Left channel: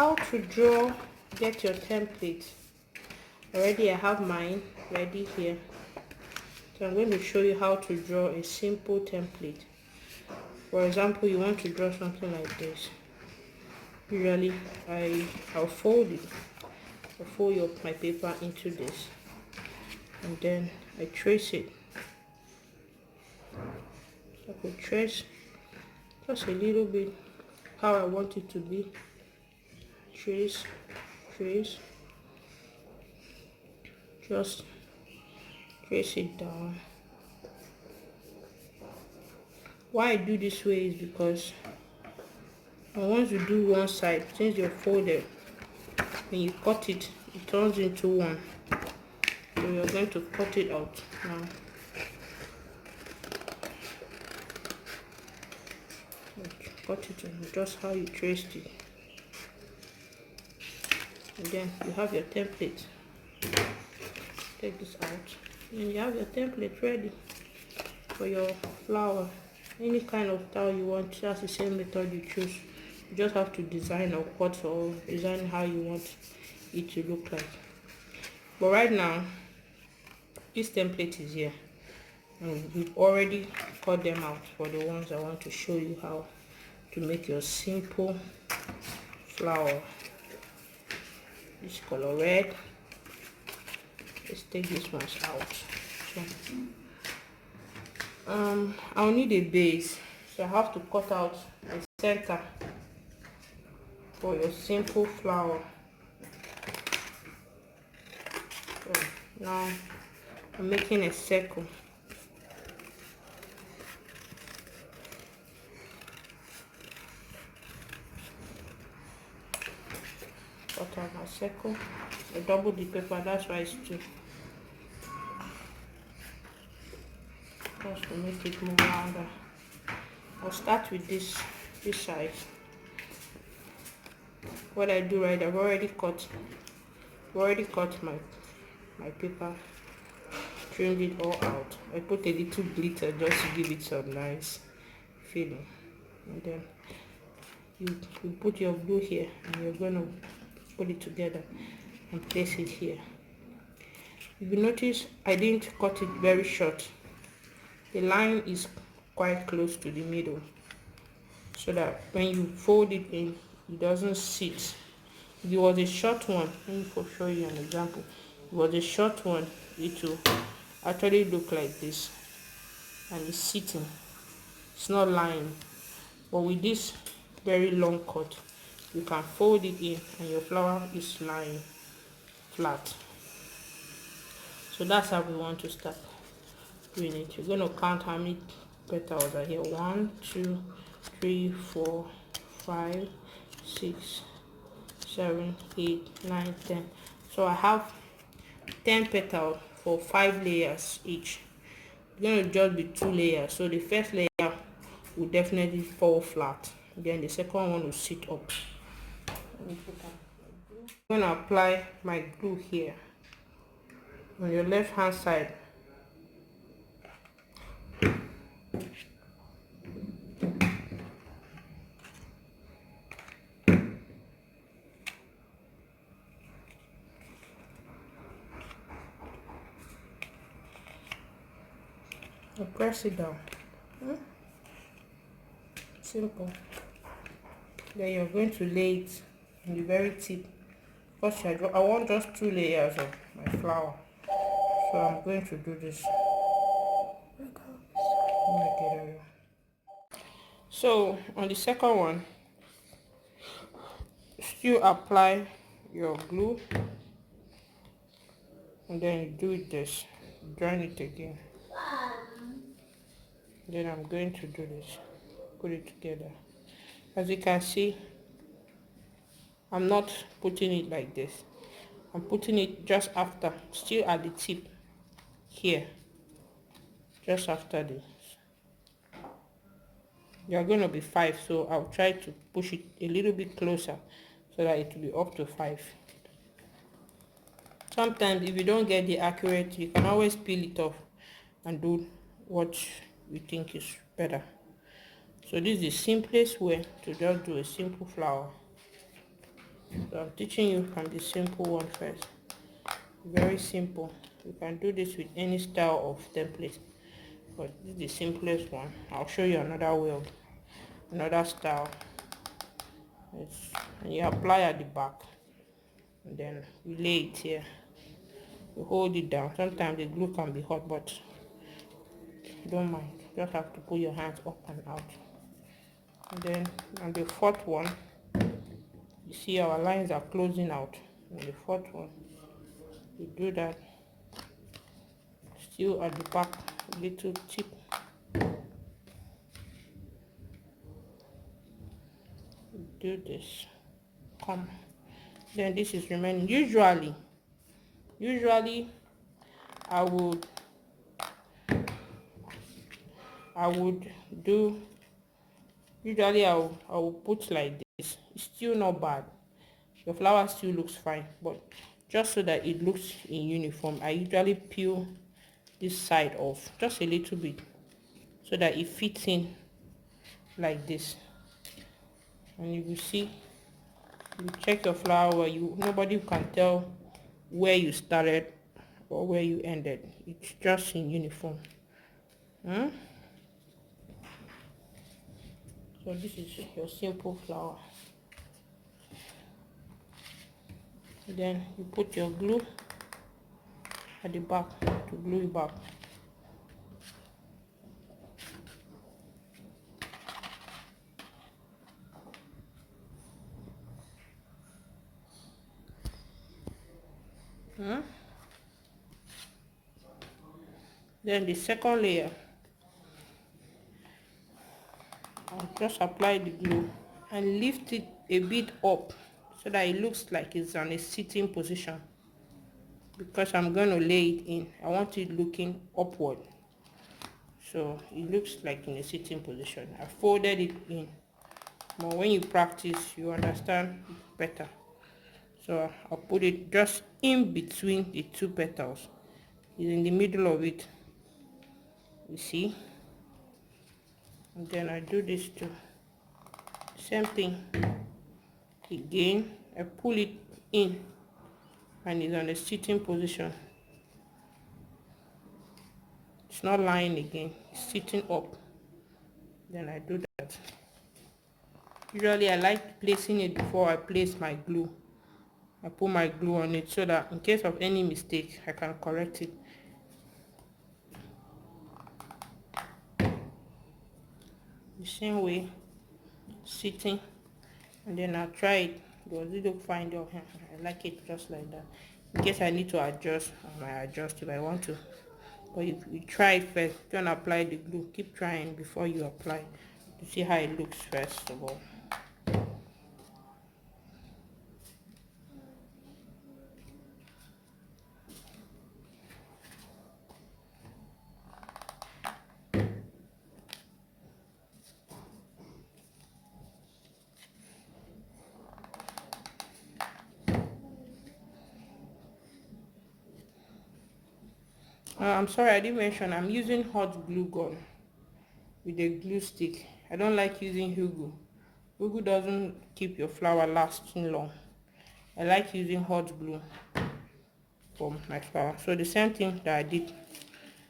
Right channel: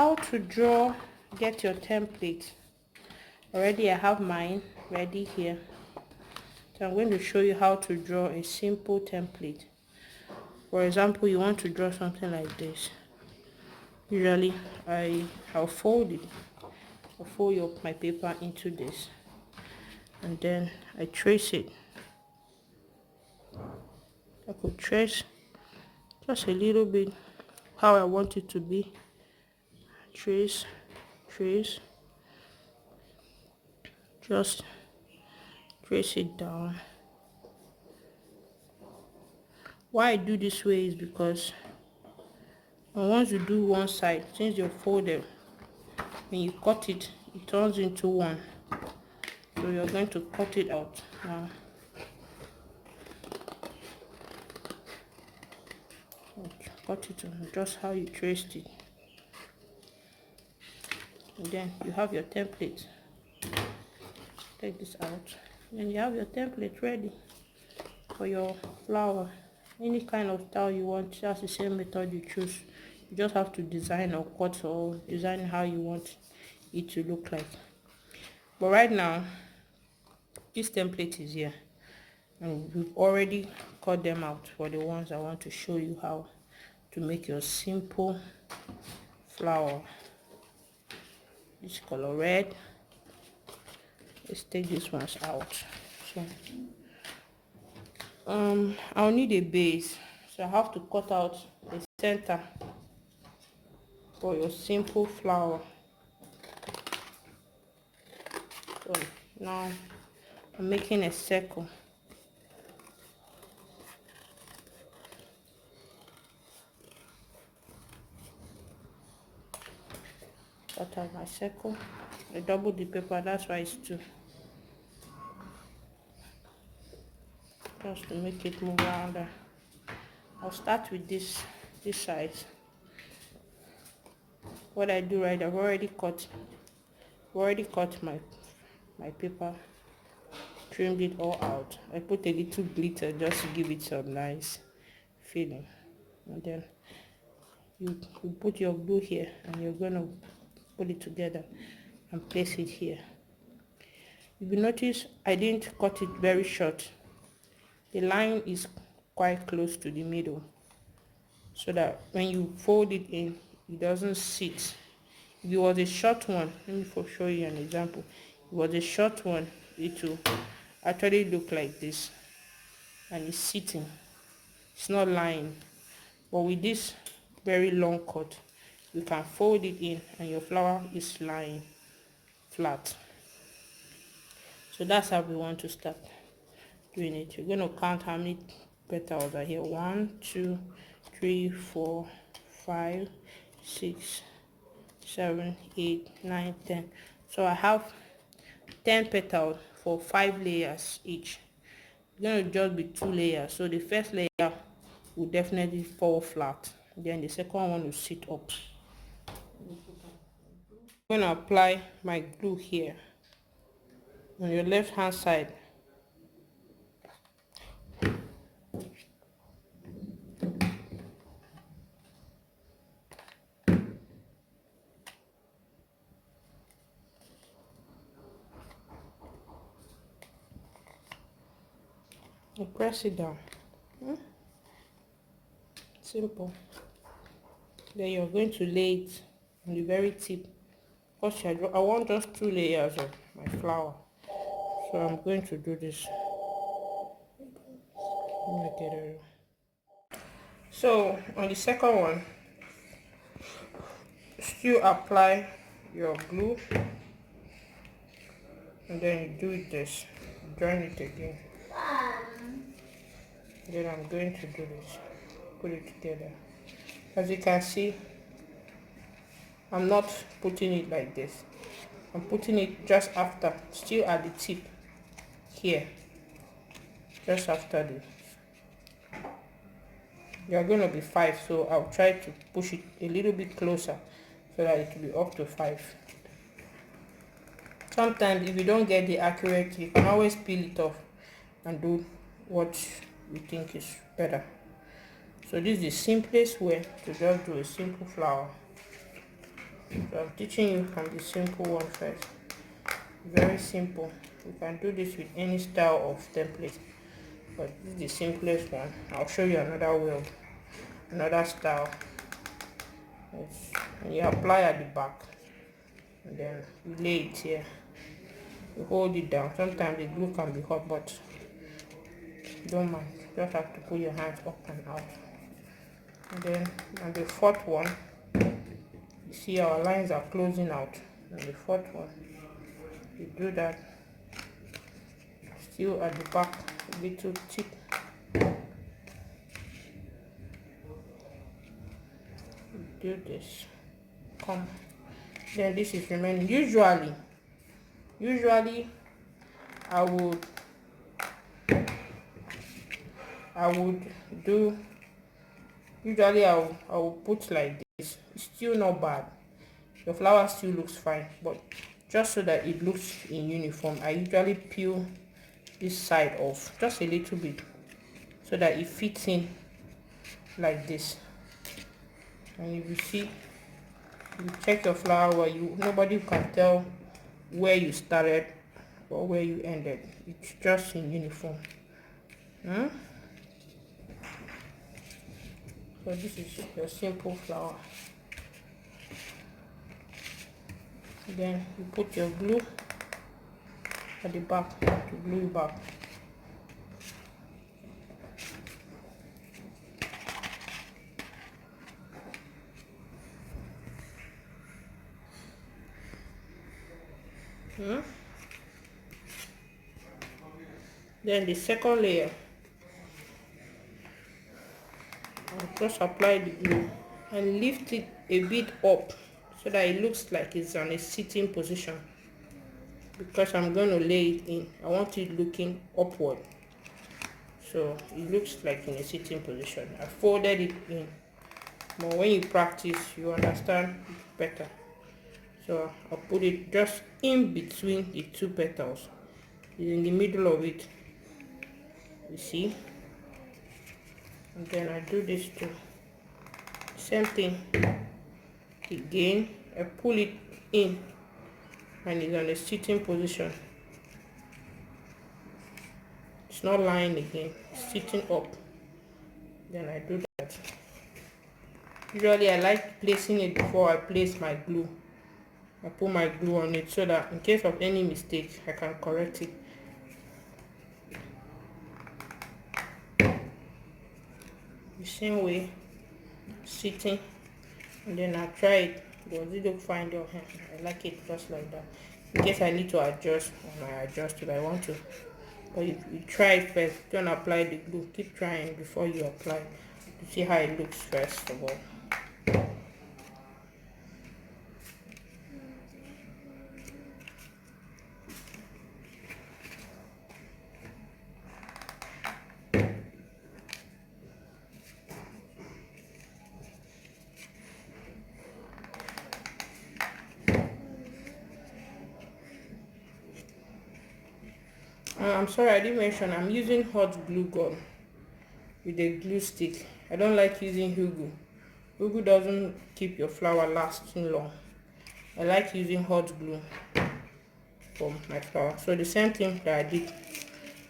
how to draw, get your template. Already I have mine ready here. So I'm going to show you how to draw a simple template. For example, you want to draw something like this. Usually I'll fold it. I'll fold my paper into this, and then I trace it. I could trace just a little bit how I want it to be. Trace, just trace it down. Why I do this way is because once you do one side, since you're folded, when you cut it, it turns into one. So you're going to cut it out now. Cut it just how you traced it, and then you have your template. Take this out, and you have your template ready for your flower. Any kind of style you want, that's the same method you choose. You just have to design or cut or design how you want it to look like. But right now, this template is here, and we've already cut them out for the ones I want to show you how to make your simple flower. This color red. Let's take these ones out. So I'll need a base, so I have to cut out a center for your simple flower. So now I'm making a circle. Cut out my circle. I double the paper, that's why it's 2. Just to make it move around. I'll start with this side. What I do, right, I've already cut my paper, trimmed it all out. I put a little glitter just to give it some nice feeling, and then you put your glue here, and you're going to put it together and place it here. If you notice, I didn't cut it very short. The line is quite close to the middle, so that when you fold it in, it doesn't sit. If it was a short one, let me show you an example. If it was a short one, it will actually look like this, and it's sitting. It's not lying. But with this very long cut, you can fold it in, and your flower is lying flat. So that's how we want to start doing it. You're going to count how many petals are here. 1, 2, 3, 4, 5, 6, 7, 8, 9, 10. So I have 10 petals for 5 layers each. It's going to just be 2 layers. So the first layer will definitely fall flat. Then the second one will sit up. I'm going to apply my glue here on your left hand side. And press it down. Simple. Then you're going to lay it on the very tip. Because I want just 2 layers of my flower, so I'm going to do this. So on the second one, still apply your glue, and then you do this, join it again. Then I'm going to do this, put it together. As you can see, I'm not putting it like this. I'm putting it just after, still at the tip here, just after this. There are going to be 5, so I'll try to push it a little bit closer so that it will be up to 5. Sometimes if you don't get the accurate, you can always peel it off and do what you think is better. So this is the simplest way to just do a simple flower. So I'm teaching you from the simple one first. Very simple. You can do this with any style of template, but this is the simplest one. I'll show you another way of another style. And you apply at the back, and then you lay it here. You hold it down. Sometimes the glue can be hot, but don't mind. You just have to put your hands up and out. And then on the fourth one, you see our lines are closing out. On the fourth one, you do that. Still at the back, a little tip. You do this. Come. Then this is remaining. Usually I would do, usually I will put like this. It's still not bad. Your flower still looks fine, but just so that it looks in uniform, I usually peel this side off just a little bit so that it fits in like this. And if you see, you check your flower where nobody can tell where you started or where you ended. It's just in uniform. So this is your simple flower. Then you put your glue at the back to glue it back. Then the second layer, I'll just apply the glue and lift it a bit up so that it looks like it's in a sitting position. Because I'm going to lay it in, I want it looking upward, so it looks like in a sitting position. I folded it in, but when you practice, you understand better. So I'll put it just in between the two petals, in the middle of it, you see. And then I do this too, same thing again. I pull it in and it's on a sitting position. It's not lying again, it's sitting up. Then I do that. Usually I like placing it before I place my glue. I put my glue on it so that in case of any mistake I can correct it. The same way, sitting, and then I try it. Does it look fine? I like it just like that. In case I need to adjust, I might adjust if I want to. But you try it first. Don't apply the glue. Keep trying before you apply to see how it looks first of all. I'm sorry, I didn't mention I'm using hot glue gun with a glue stick. I don't like using Hugo. Hugo doesn't keep your flower lasting long. I like using hot glue for my flower. So the same thing that I did,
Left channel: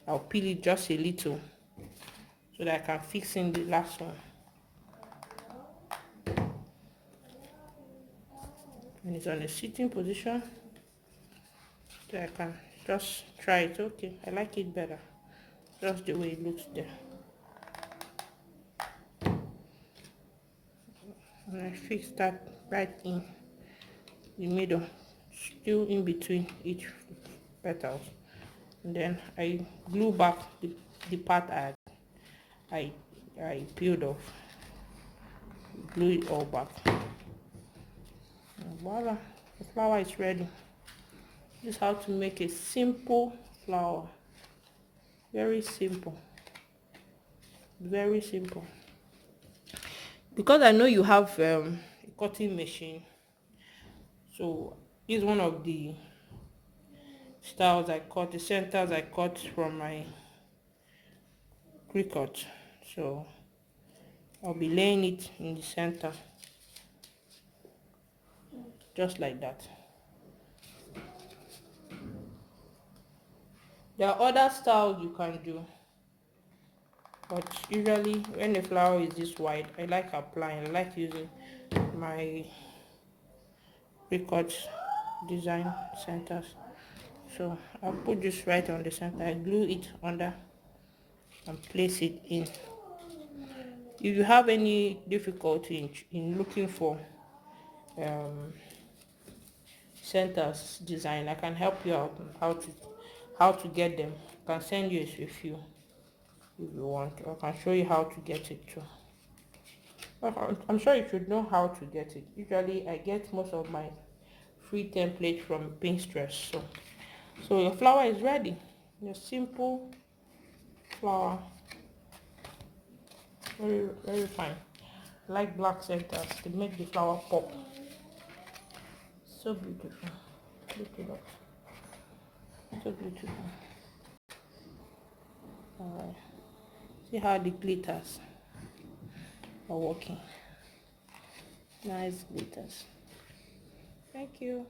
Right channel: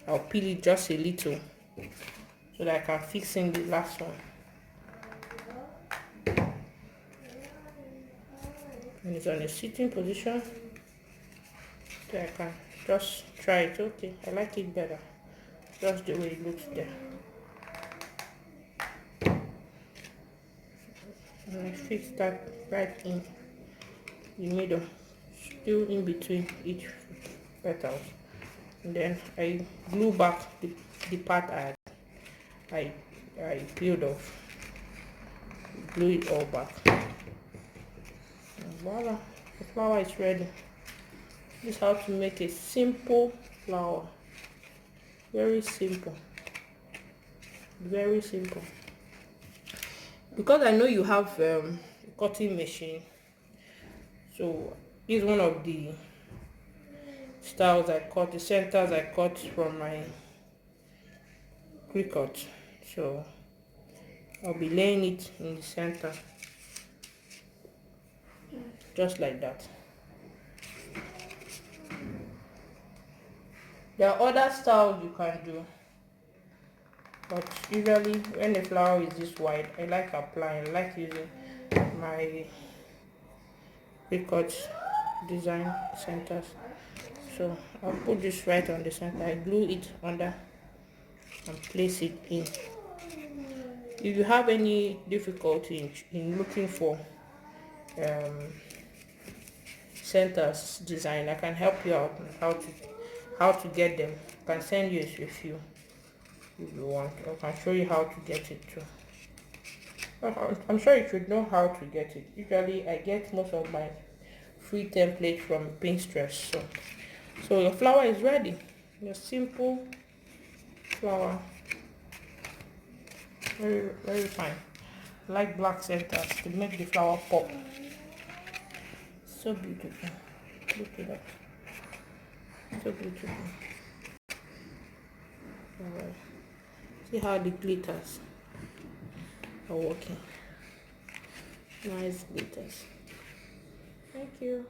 I'll peel it just a little so that I can fix in the last one. And it's on a sitting position, so I can just try it. Okay, I like it better, just the way it looks there. And I fix that right in the middle, still in between each petals. And then I glue back the part I peeled off, glue it all back. And voila, the flower is ready. This is how to make a simple flower. Very simple, very simple. Because I know you have a cutting machine, so this is one of the styles I cut, the centers I cut from my Cricut. So I'll be laying it in the center, just like that. There are other styles you can do, but usually when the flower is this wide, I like applying. I like using my Cricut design centers. So I'll put this right on the center. I glue it under and place it in. If you have any difficulty in looking for centers design, I can help you out on how to get them. I can send you a few if you want, or I can show you how to get it too. I'm sure you should know how to get it. Usually I get most of my free template from Pinterest. So your flower is ready. Your simple flower, very fine. I like black centers to make the flower pop. So beautiful. Look at that. So beautiful. See how the glitters are working. Nice glitters. Thank you.